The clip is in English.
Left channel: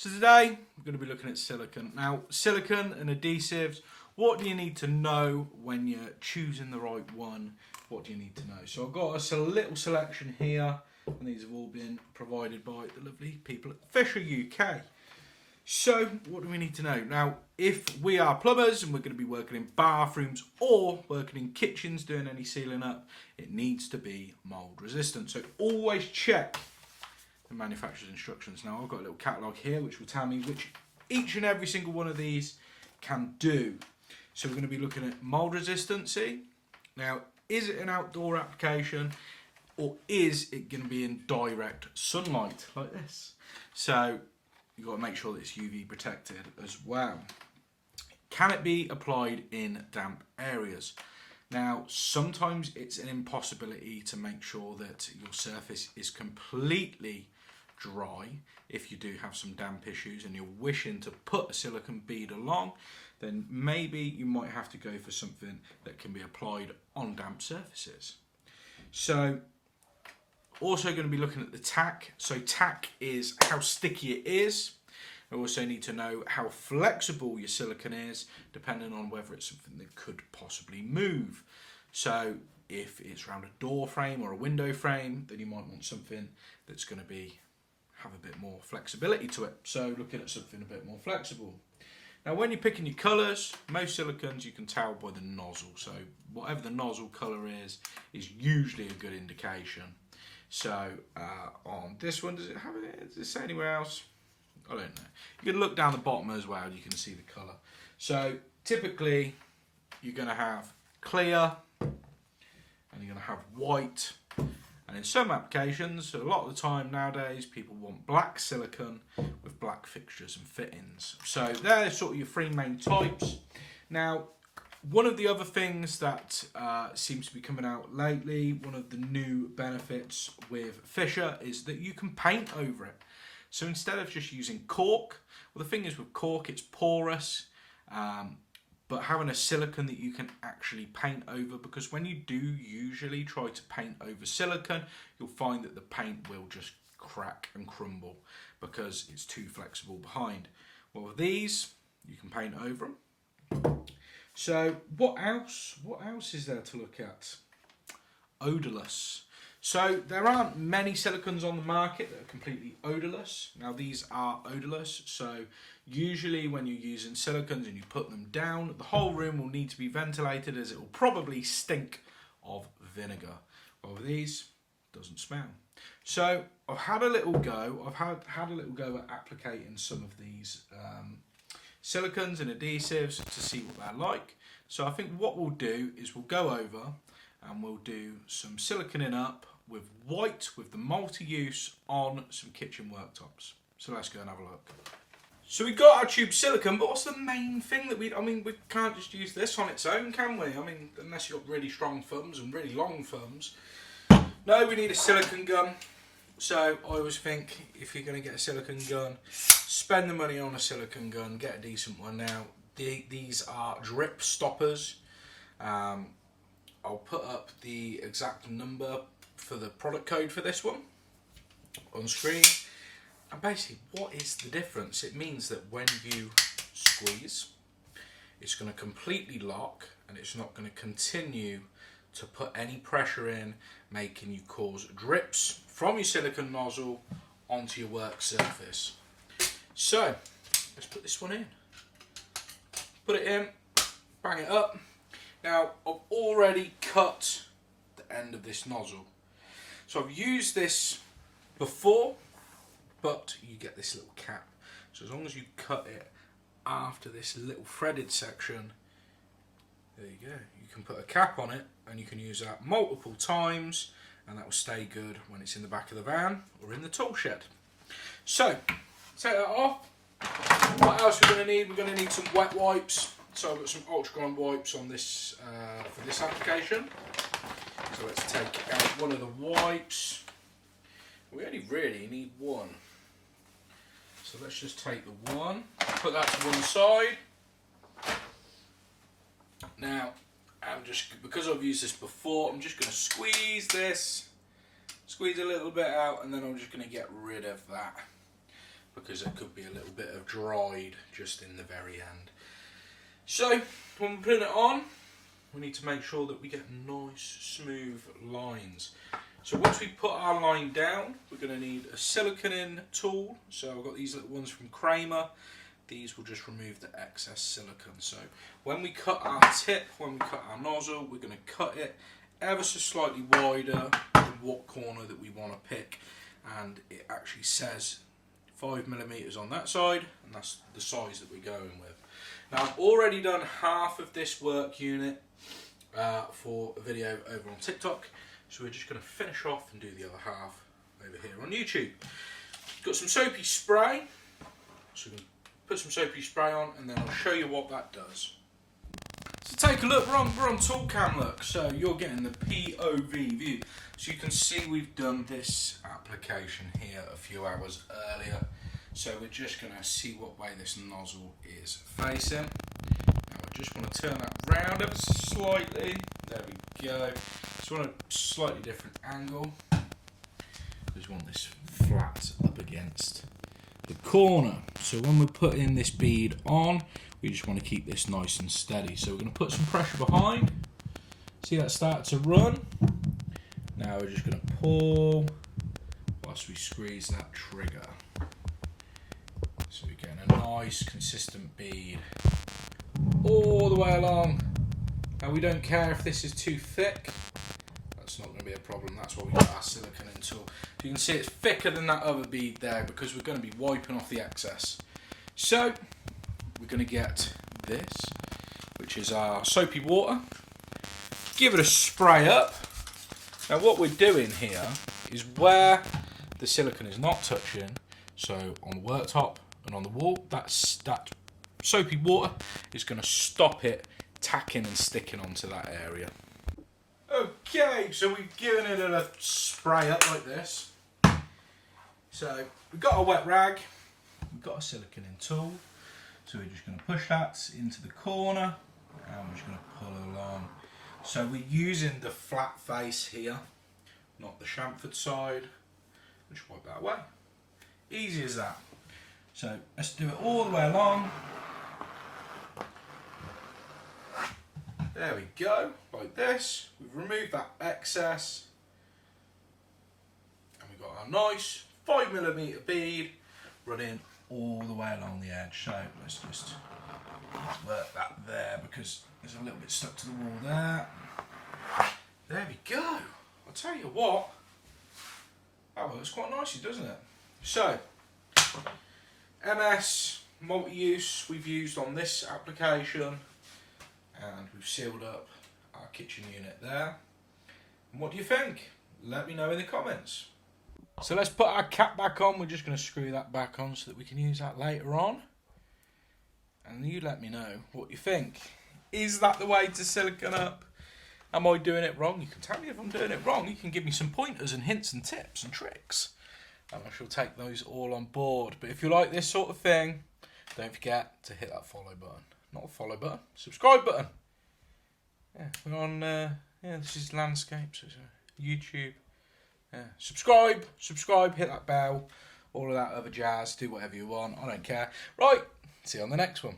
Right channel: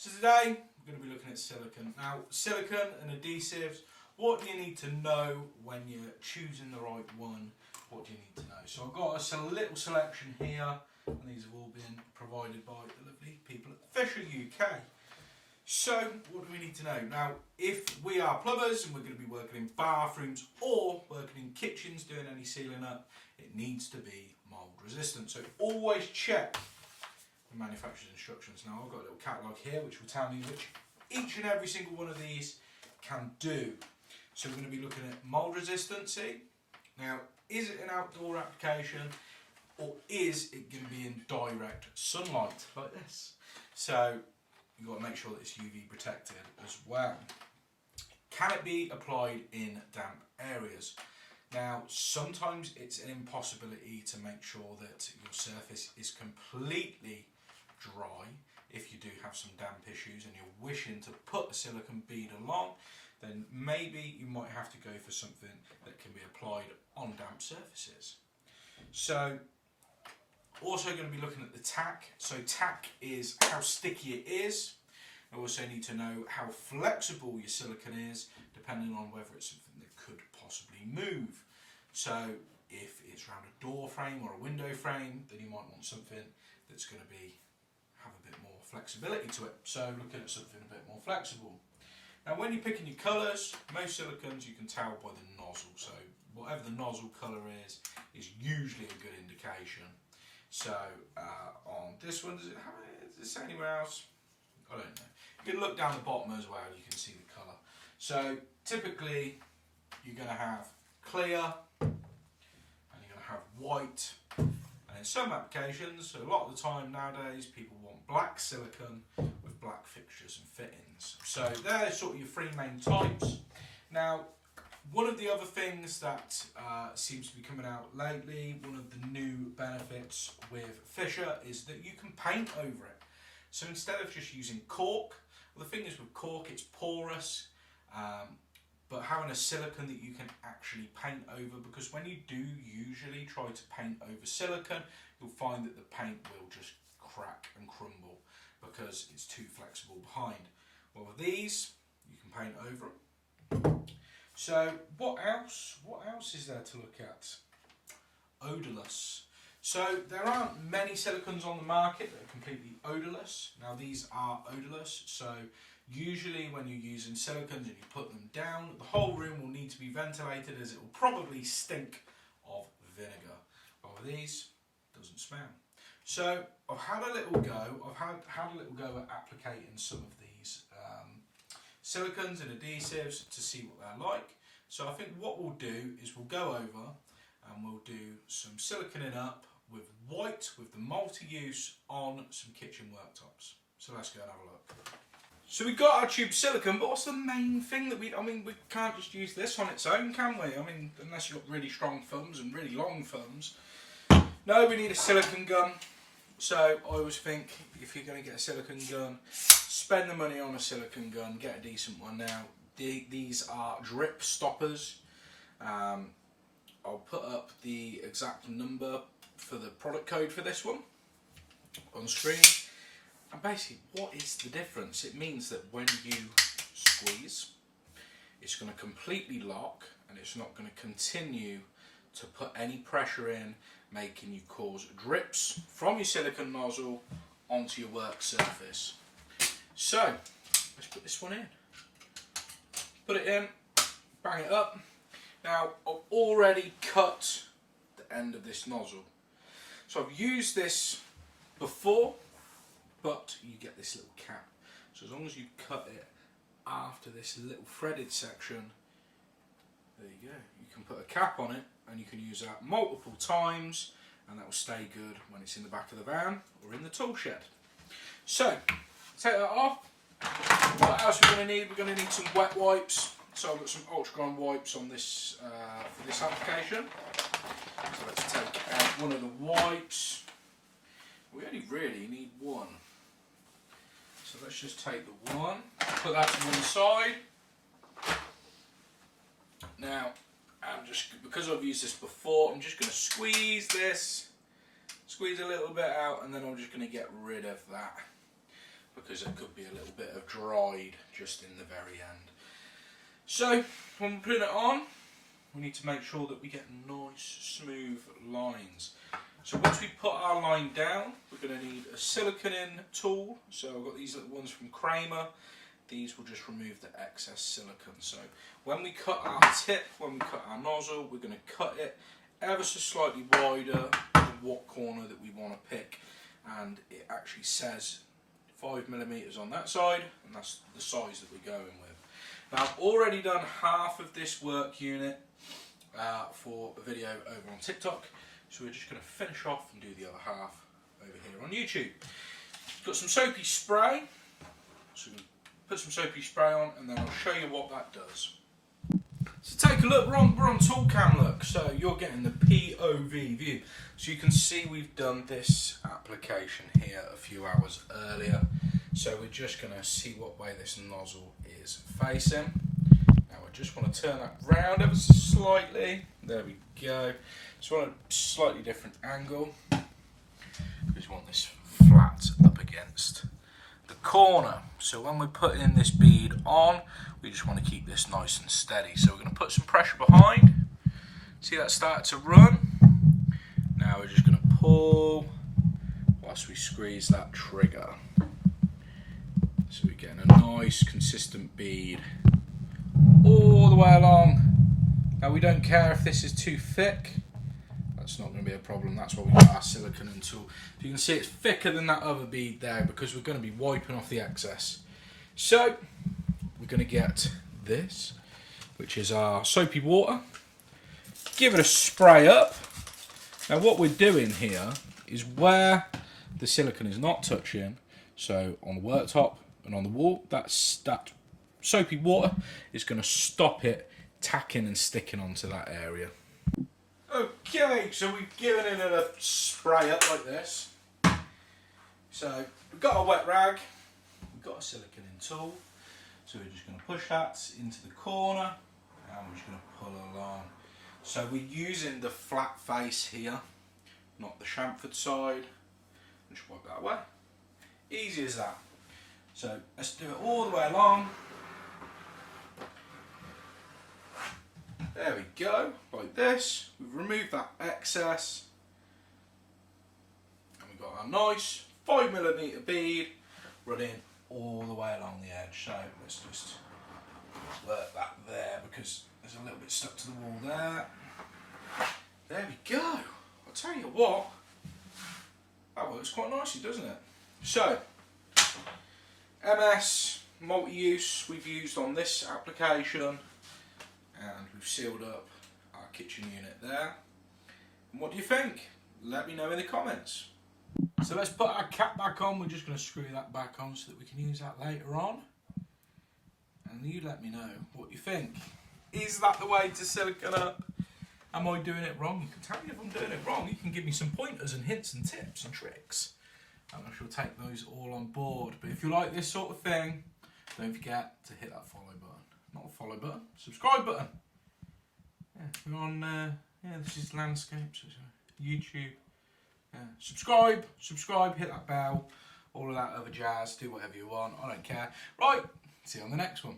So today we're going to be looking at silicone. Now, silicone and adhesives, what do you need to know when you're choosing the right one? What do you need to know? So I've got a little selection here, and these have all been provided by the lovely people at Fisher UK. So what do we need to know? Now, if we are plumbers and we're going to be working in bathrooms or working in kitchens doing any sealing up, it needs to be mould resistant. So always check the manufacturer's instructions. Now, I've got a little catalogue here which will tell me which each and every single one of these can do. So we're going to be looking at mould resistancy. Now, is it an outdoor application or is it going to be in direct sunlight like this? So you've got to make sure that it's UV protected as well. Can it be applied in damp areas? Now, sometimes it's an impossibility to make sure that your surface is completely dry. If you do have some damp issues and you're wishing to put a silicone bead along, then maybe you might have to go for something that can be applied on damp surfaces. So, also going to be looking at the tack. So tack is how sticky it is. You also need to know how flexible your silicone is, depending on whether it's something that could possibly move. So if it's around a door frame or a window frame, then you might want something that's going to have a bit more flexibility to it. So looking at something a bit more flexible. Now, when you're picking your colours, most silicones you can tell by the nozzle. So whatever the nozzle colour is usually a good indication. So on this one, does it say anywhere else? I don't know. You can look down the bottom as well, you can see the colour. So typically you're going to have clear and you're going to have white. And in some applications, a lot of the time nowadays, people want black silicone with black fixtures and fittings. So they're sort of your three main types. Now, one of the other things that seems to be coming out lately, one of the new benefits with Fisher is that you can paint over it. So instead of just using cork, well, the thing is with cork, it's porous, but having a silicone that you can actually paint over, because when you do usually try to paint over silicone, you'll find that the paint will just crack and crumble because it's too flexible behind. Well, with these, you can paint over them. So what else is there to look at? Odorless. So there aren't many silicones on the market that are completely odorless. Now these are odorless, so usually when you're using silicones and you put them down, the whole room will need to be ventilated as it will probably stink of vinegar. Well, with these, it doesn't smell. So I've had a little go. I've had a little go at applicating some of these silicones and adhesives to see what they're like. So I think what we'll do is we'll go over and we'll do some siliconing up with white with the multi-use on some kitchen worktops. So let's go and have a look. So we've got our tube silicone, but what's the main thing that we can't just use this on its own, can we? I mean, unless you've got really strong thumbs and really long thumbs. No, we need a silicone gun. So I always think if you're going to get a silicone gun, spend the money on a silicone gun, get a decent one. Now, these are drip stoppers. I'll put up the exact number for the product code for this one on screen. And basically, what is the difference? It means that when you squeeze, it's going to completely lock and it's not going to continue to put any pressure in, making you cause drips from your silicone nozzle onto your work surface. So, let's put this one in. Put it in, bang it up. Now, I've already cut the end of this nozzle. So I've used this before, but you get this little cap. So as long as you cut it after this little threaded section, there you go. You can put a cap on it and you can use that multiple times and that will stay good when it's in the back of the van or in the tool shed. So, take that off. What else we're going to need? We're going to need some wet wipes. So I've got some ultra-grand wipes on this for this application. So let's take out one of the wipes. We only really need one. So let's just take the one, put that to one side. Now, because I've used this before, I'm just going to squeeze this, squeeze a little bit out, and then I'm just going to get rid of that. because there could be a little bit of dried just in the very end. So when we're putting it on, we need to make sure that we get nice smooth lines. So once we put our line down, we're going to need a silicone tool. So I've got these little ones from Kramer. These will just remove the excess silicone. So when we cut our tip, when we cut our nozzle, we're going to cut it ever so slightly wider than what corner that we want to pick. And it actually says 5mm on that side, and that's the size that we're going with. Now I've already done half of this work unit for a video over on TikTok, so we're just going to finish off and do the other half over here on YouTube. Got some soapy spray, so we're going to put some soapy spray on and then I'll show you what that does. So take a look, we're on tool cam look, so you're getting the POV view. So you can see we've done this application here a few hours earlier. So we're just going to see what way this nozzle is facing. Now I just want to turn that round ever so slightly. There we go. Just want a slightly different angle. Just want this flat up against the corner. So when we're putting this bead on, we just want to keep this nice and steady. So we're going to put some pressure behind. See that start to run? Now we're just going to pull whilst we squeeze that trigger. So we're getting a nice consistent bead all the way along. Now we don't care if this is too thick. That's not going to be a problem. That's why we got our silicone tool. So you can see it's thicker than that other bead there because we're going to be wiping off the excess. So we're going to get this, which is our soapy water. Give it a spray up. Now what we're doing here is where the silicone is not touching, so on the worktop and on the wall, that soapy water is going to stop it tacking and sticking onto that area. Okay, so we've given it a spray up like this. So we've got a wet rag, we've got a silicone tool, so we're just going to push that into the corner and we're just going to pull it along. So we're using the flat face here, not the chamfered side. Just wipe that away. Easy as that. So let's do it all the way along. There we go, like this. We've removed that excess. And we've got our nice 5mm bead running all the way along the edge. So let's just work that there because there's a little bit stuck to the wall there. There we go. I'll tell you what, that works quite nicely, doesn't it? So, MS multi-use we've used on this application, and we've sealed up our kitchen unit there. And what do you think? Let me know in the comments. So let's put our cap back on. We're just going to screw that back on so that we can use that later on. And you let me know what you think. Is that the way to silicone up? Am I doing it wrong? You can tell me if I'm doing it wrong. You can give me some pointers and hints and tips and tricks. And I shall take those all on board. But if you like this sort of thing, don't forget to hit that follow button. Not a follow button, subscribe button. Yeah, we're on, this is landscapes, YouTube. Yeah. Subscribe, hit that bell, all of that other jazz, do whatever you want, I don't care. Right, see you on the next one.